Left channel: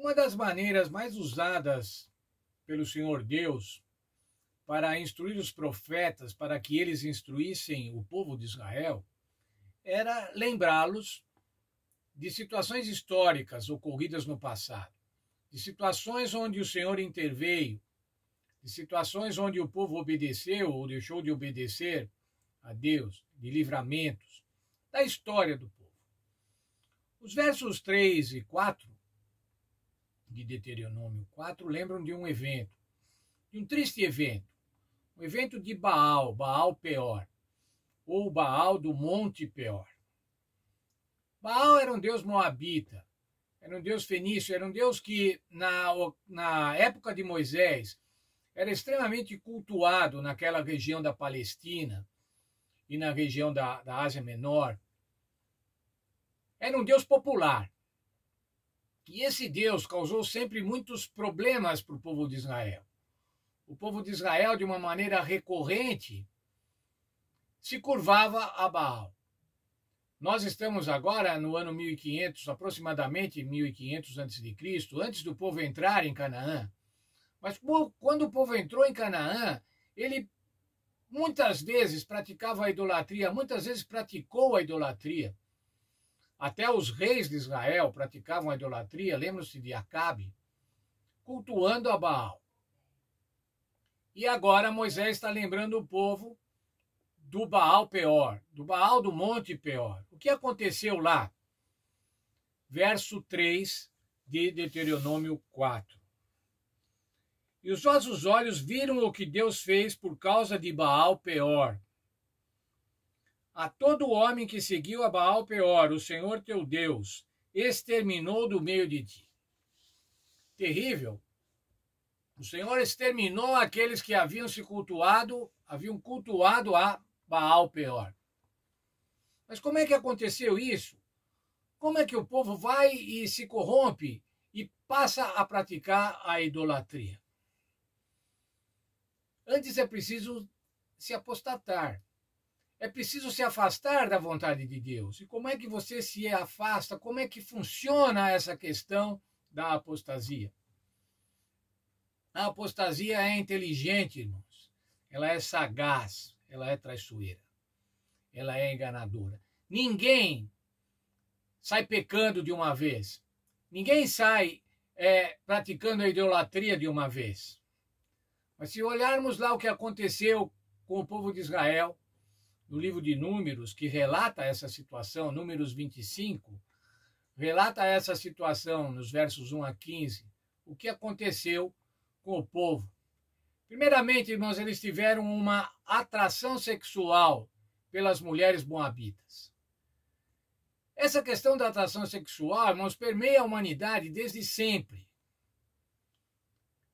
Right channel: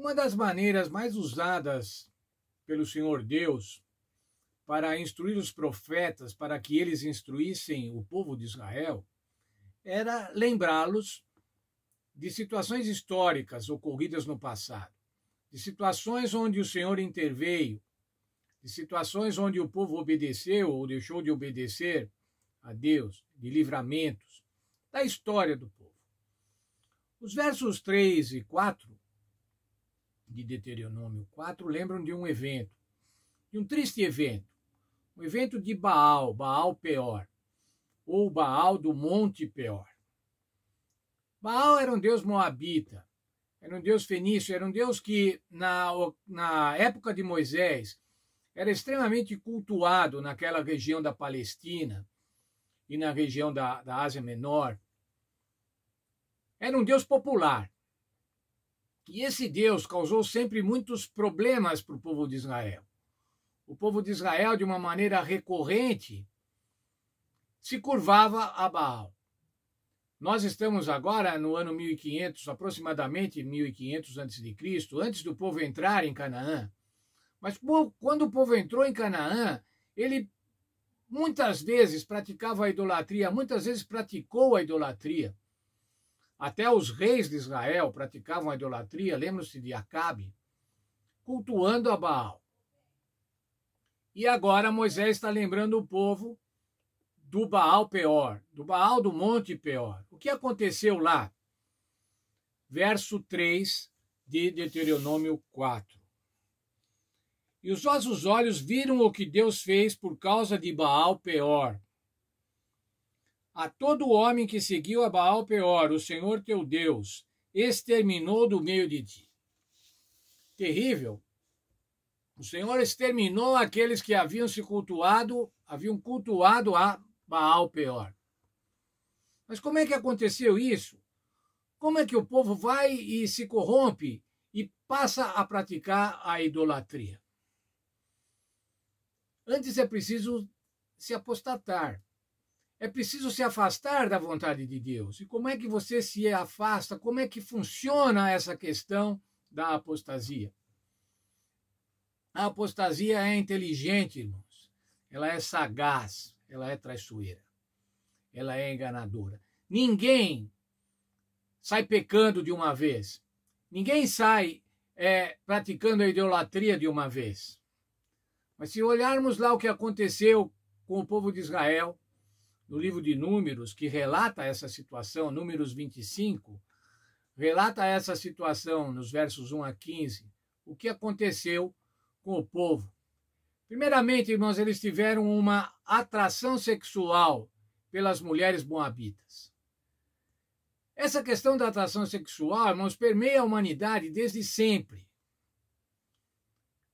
Uma das maneiras mais usadas pelo Senhor Deus para instruir os profetas, para que eles instruíssem o povo de Israel, era lembrá-los de situações históricas ocorridas no passado, de situações onde o Senhor interveio, de situações onde o povo obedeceu ou deixou de obedecer a Deus, de livramentos, da história do povo. Os versos 3 e 4 de Deuteronômio 4 lembram de um evento, de um triste evento, um evento de Baal, Baal Peor, ou Baal do Monte Peor. Baal era um deus moabita, era um deus fenício, era um deus que, na época de Moisés, era extremamente cultuado naquela região da Palestina e na região da Ásia Menor. Era um deus popular. E esse Deus causou sempre muitos problemas para o povo de Israel. O povo de Israel, de uma maneira recorrente, se curvava a Baal. Nós estamos agora no ano 1500, aproximadamente 1500 a.C., antes do povo entrar em Canaã. Mas quando o povo entrou em Canaã, ele muitas vezes praticava a idolatria, muitas vezes praticou a idolatria. Até os reis de Israel praticavam a idolatria, lembram-se de Acabe, cultuando a Baal. E agora Moisés está lembrando o povo do Baal Peor, do Baal do Monte Peor. O que aconteceu lá? Verso 3 de Deuteronômio 4. E os vossos olhos viram o que Deus fez por causa de Baal Peor. A todo homem que seguiu a Baal Peor, o Senhor teu Deus, exterminou do meio de ti. Terrível. O Senhor exterminou aqueles que haviam cultuado a Baal Peor. Mas como é que aconteceu isso? Como é que o povo vai e se corrompe e passa a praticar a idolatria? Antes é preciso se apostatar. É preciso se afastar da vontade de Deus. E como é que você se afasta? Como é que funciona essa questão da apostasia? A apostasia é inteligente, irmãos. Ela é sagaz, ela é traiçoeira, ela é enganadora. Ninguém sai pecando de uma vez. Ninguém sai praticando a idolatria de uma vez. Mas se olharmos lá o que aconteceu com o povo de Israel, no livro de Números, que relata essa situação, Números 25, relata essa situação nos versos 1 a 15, o que aconteceu com o povo. Primeiramente, irmãos, eles tiveram uma atração sexual pelas mulheres moabitas. Essa questão da atração sexual, irmãos, permeia a humanidade desde sempre.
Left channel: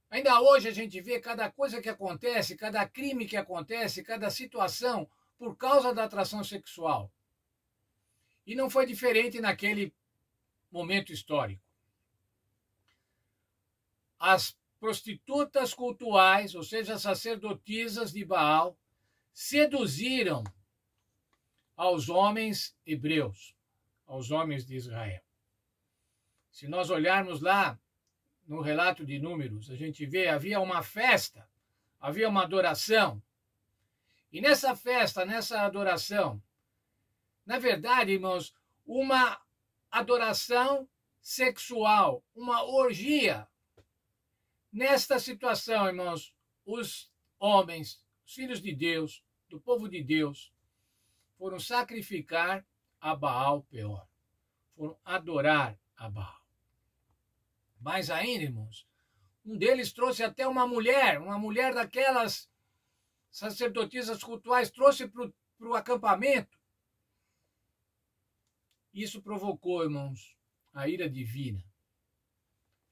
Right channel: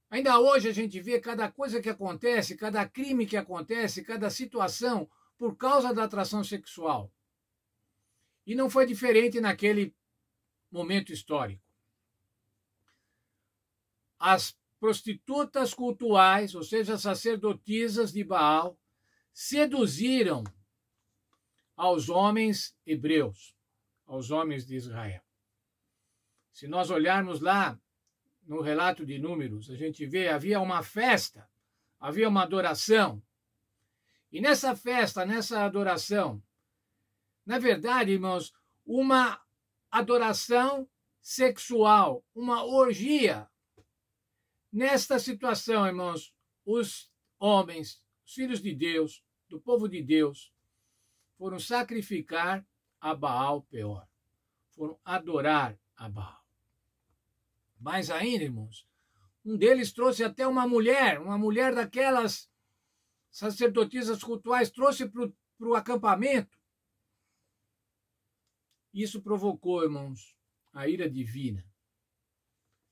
Ainda hoje a gente vê cada coisa que acontece, cada crime que acontece, cada situação por causa da atração sexual. E não foi diferente naquele momento histórico. As prostitutas cultuais, ou seja, as sacerdotisas de Baal, seduziram aos homens hebreus, aos homens de Israel. Se nós olharmos lá no relato de Números, a gente vê, havia uma festa, havia uma adoração. E nessa festa, nessa adoração, na verdade, irmãos, uma adoração sexual, uma orgia. Nesta situação, irmãos, os homens, os filhos de Deus, do povo de Deus, foram sacrificar a Baal Peor. Foram adorar a Baal. Mais ainda, irmãos, um deles trouxe até uma mulher daquelas sacerdotisas cultuais, trouxe para o acampamento. Isso provocou, irmãos, a ira divina.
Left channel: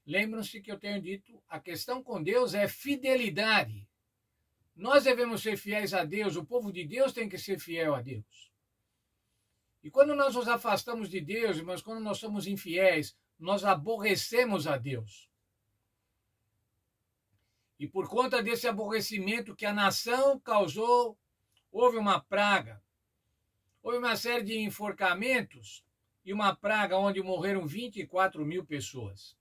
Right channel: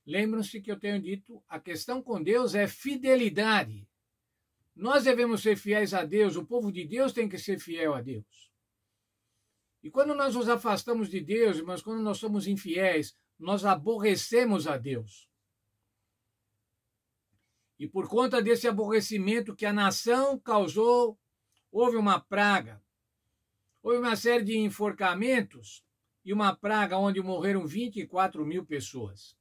Lembram-se que eu tenho dito, a questão com Deus é fidelidade. Nós devemos ser fiéis a Deus, o povo de Deus tem que ser fiel a Deus. E quando nós nos afastamos de Deus, irmãos, quando nós somos infiéis, nós aborrecemos a Deus. E por conta desse aborrecimento que a nação causou, houve uma praga, houve uma série de enforcamentos e uma praga onde morreram 24 mil pessoas.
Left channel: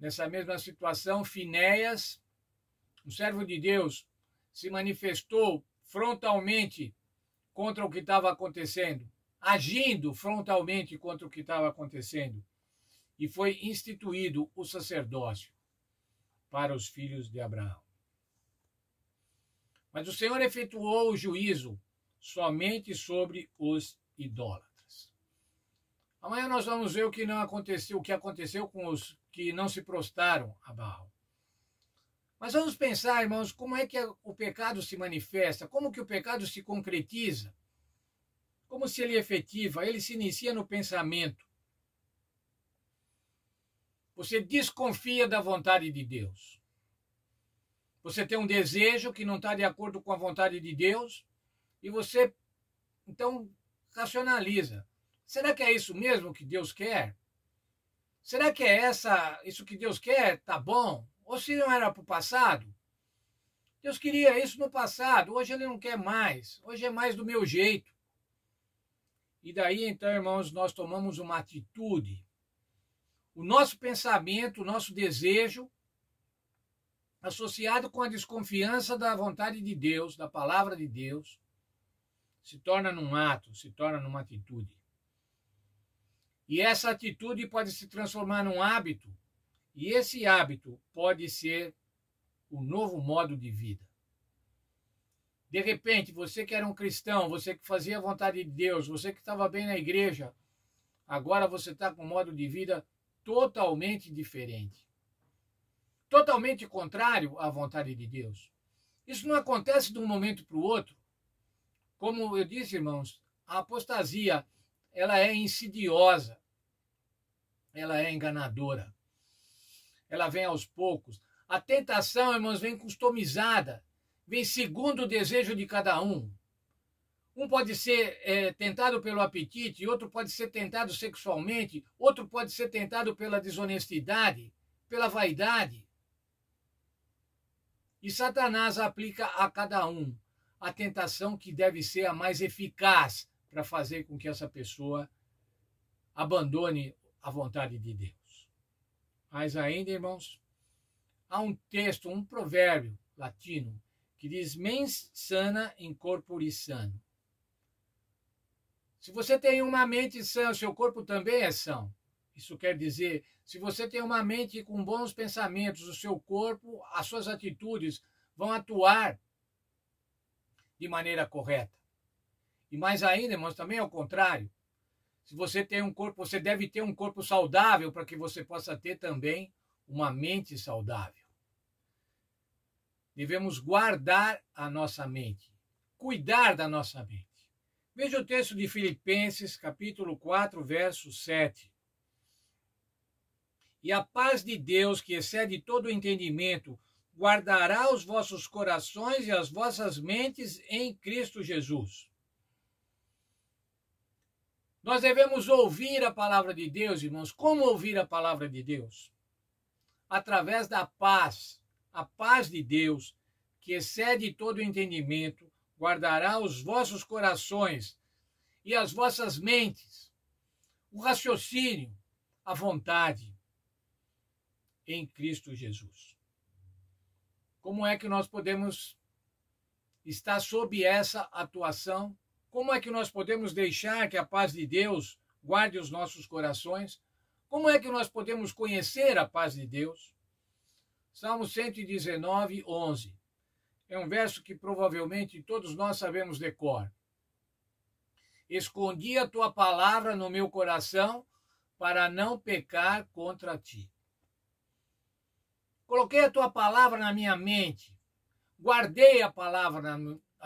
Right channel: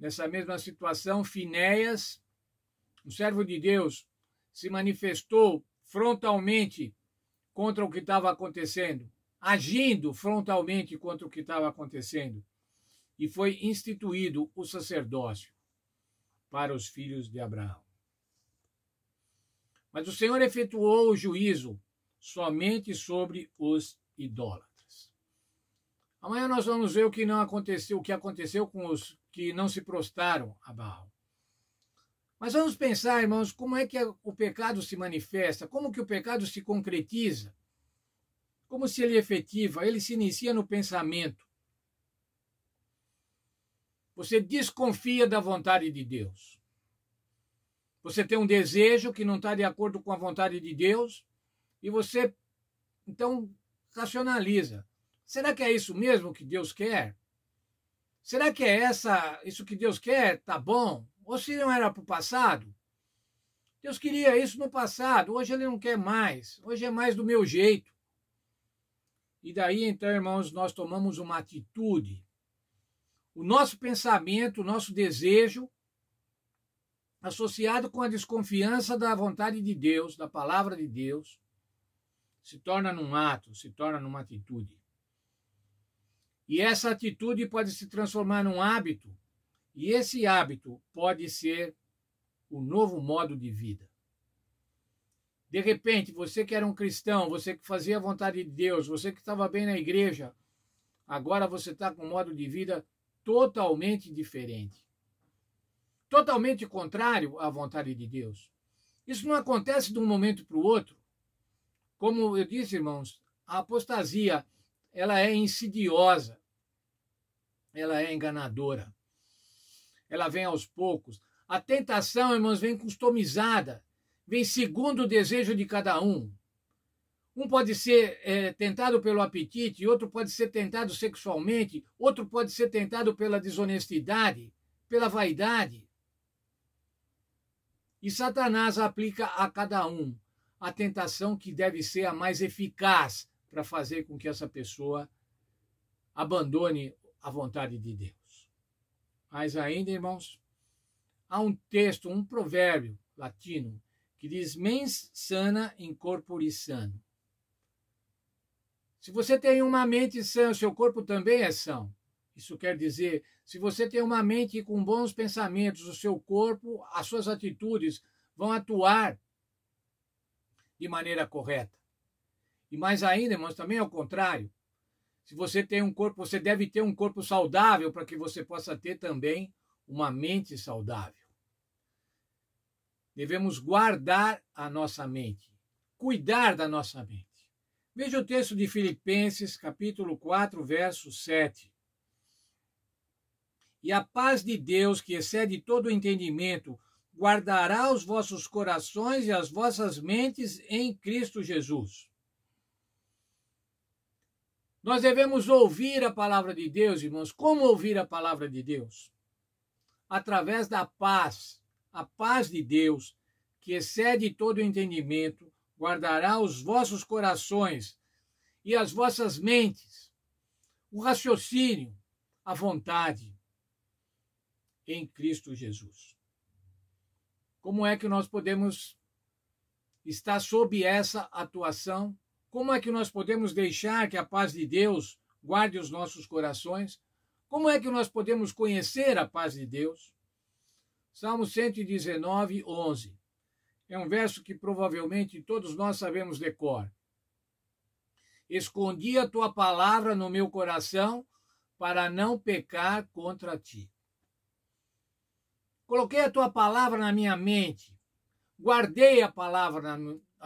Nessa mesma situação, Finéias, um servo de Deus, se manifestou frontalmente contra o que estava acontecendo, agindo frontalmente contra o que estava acontecendo, e foi instituído o sacerdócio para os filhos de Abraão. Mas o Senhor efetuou o juízo somente sobre os idólatras. Amanhã nós vamos ver o que não aconteceu, o que aconteceu com os que não se prostraram a Baal. Mas vamos pensar, irmãos, como é que o pecado se manifesta, como que o pecado se concretiza, como se ele é efetivo, ele se inicia no pensamento. Você desconfia da vontade de Deus. Você tem um desejo que não está de acordo com a vontade de Deus e você, então, racionaliza. Será que é isso mesmo que Deus quer? Será que é isso que Deus quer? Tá bom? Ou se não era para o passado? Deus queria isso no passado, hoje ele não quer mais. Hoje é mais do meu jeito. E daí, então, irmãos, nós tomamos uma atitude. O nosso pensamento, o nosso desejo, associado com a desconfiança da vontade de Deus, da palavra de Deus, se torna num ato, se torna numa atitude. E essa atitude pode se transformar num hábito, e esse hábito pode ser o novo modo de vida. De repente, você que era um cristão, você que fazia a vontade de Deus, você que estava bem na igreja, agora você está com um modo de vida totalmente diferente. Totalmente contrário à vontade de Deus. Isso não acontece de um momento para o outro. Como eu disse, irmãos, a apostasia, ela é insidiosa, ela é enganadora, ela vem aos poucos. A tentação, irmãos, vem customizada, vem segundo o desejo de cada um. Um pode ser tentado pelo apetite, outro pode ser tentado sexualmente, outro pode ser tentado pela desonestidade, pela vaidade. E Satanás aplica a cada um a tentação que deve ser a mais eficaz para fazer com que essa pessoa abandone a vontade de Deus. Mas ainda, irmãos, há um texto, um provérbio latino que diz mens sana in corpore sano. Se você tem uma mente sã, seu corpo também é são. Isso quer dizer, se você tem uma mente com bons pensamentos, o seu corpo, as suas atitudes vão atuar de maneira correta. E mais ainda, irmãos, também ao contrário. Se você tem um corpo, você deve ter um corpo saudável para que você possa ter também uma mente saudável. Devemos guardar a nossa mente, cuidar da nossa mente. Veja o texto de Filipenses, capítulo 4, verso 7. E a paz de Deus, que excede todo o entendimento, guardará os vossos corações e as vossas mentes em Cristo Jesus. Nós devemos ouvir a palavra de Deus, irmãos. Como ouvir a palavra de Deus? Através da paz. A paz de Deus, que excede todo o entendimento, guardará os vossos corações e as vossas mentes, o raciocínio, a vontade em Cristo Jesus. Como é que nós podemos estar sob essa atuação? Como é que nós podemos deixar que a paz de Deus guarde os nossos corações? Como é que nós podemos conhecer a paz de Deus? Salmo 119, 11. É um verso que provavelmente todos nós sabemos de cor. Escondi a tua palavra no meu coração para não pecar contra ti. Coloquei a tua palavra na minha mente. Guardei a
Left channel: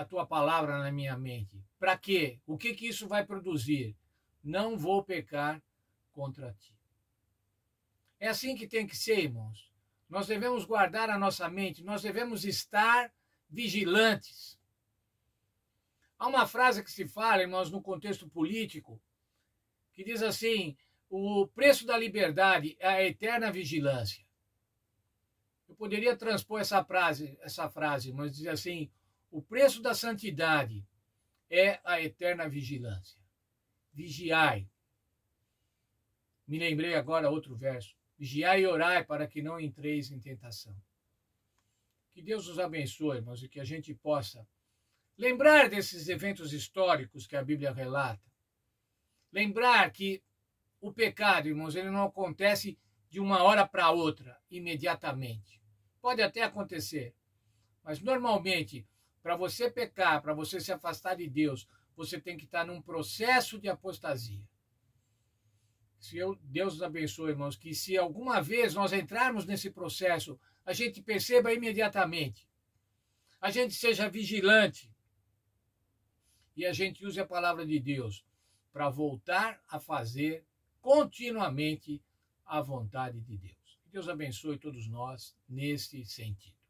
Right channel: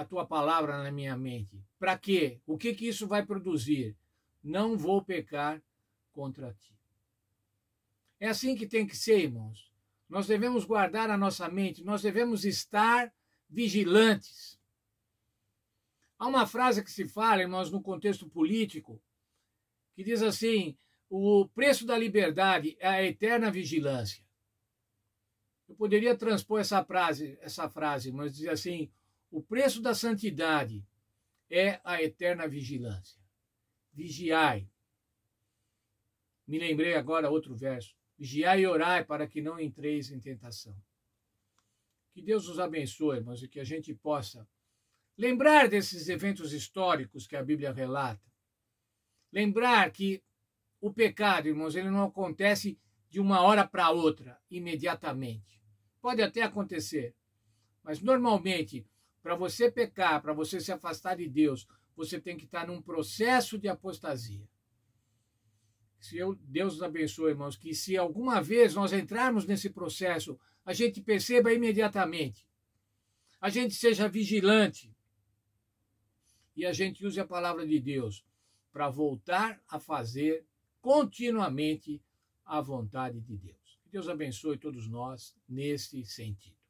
tua palavra na minha mente. Para quê? O que isso vai produzir? Não vou pecar contra ti. É assim que tem que ser, irmãos. Nós devemos guardar a nossa mente, nós devemos estar vigilantes. Há uma frase que se fala, irmãos, no contexto político, que diz assim: o preço da liberdade é a eterna vigilância. Eu poderia transpor essa frase, mas dizer assim: o preço da santidade é a eterna vigilância. Vigiai. Me lembrei agora outro verso. Vigiai e orai para que não entreis em tentação. Que Deus nos abençoe, irmãos, e que a gente possa lembrar desses eventos históricos que a Bíblia relata. Lembrar que o pecado, irmãos, ele não acontece de uma hora para outra, imediatamente. Pode até acontecer, mas normalmente, para você pecar, para você se afastar de Deus, você tem que estar num processo de apostasia. Deus nos abençoe, irmãos, que se alguma vez nós entrarmos nesse processo, a gente perceba imediatamente, a gente seja vigilante e a gente use a palavra de Deus para voltar a fazer continuamente a vontade de Deus. Que Deus abençoe todos nós nesse sentido.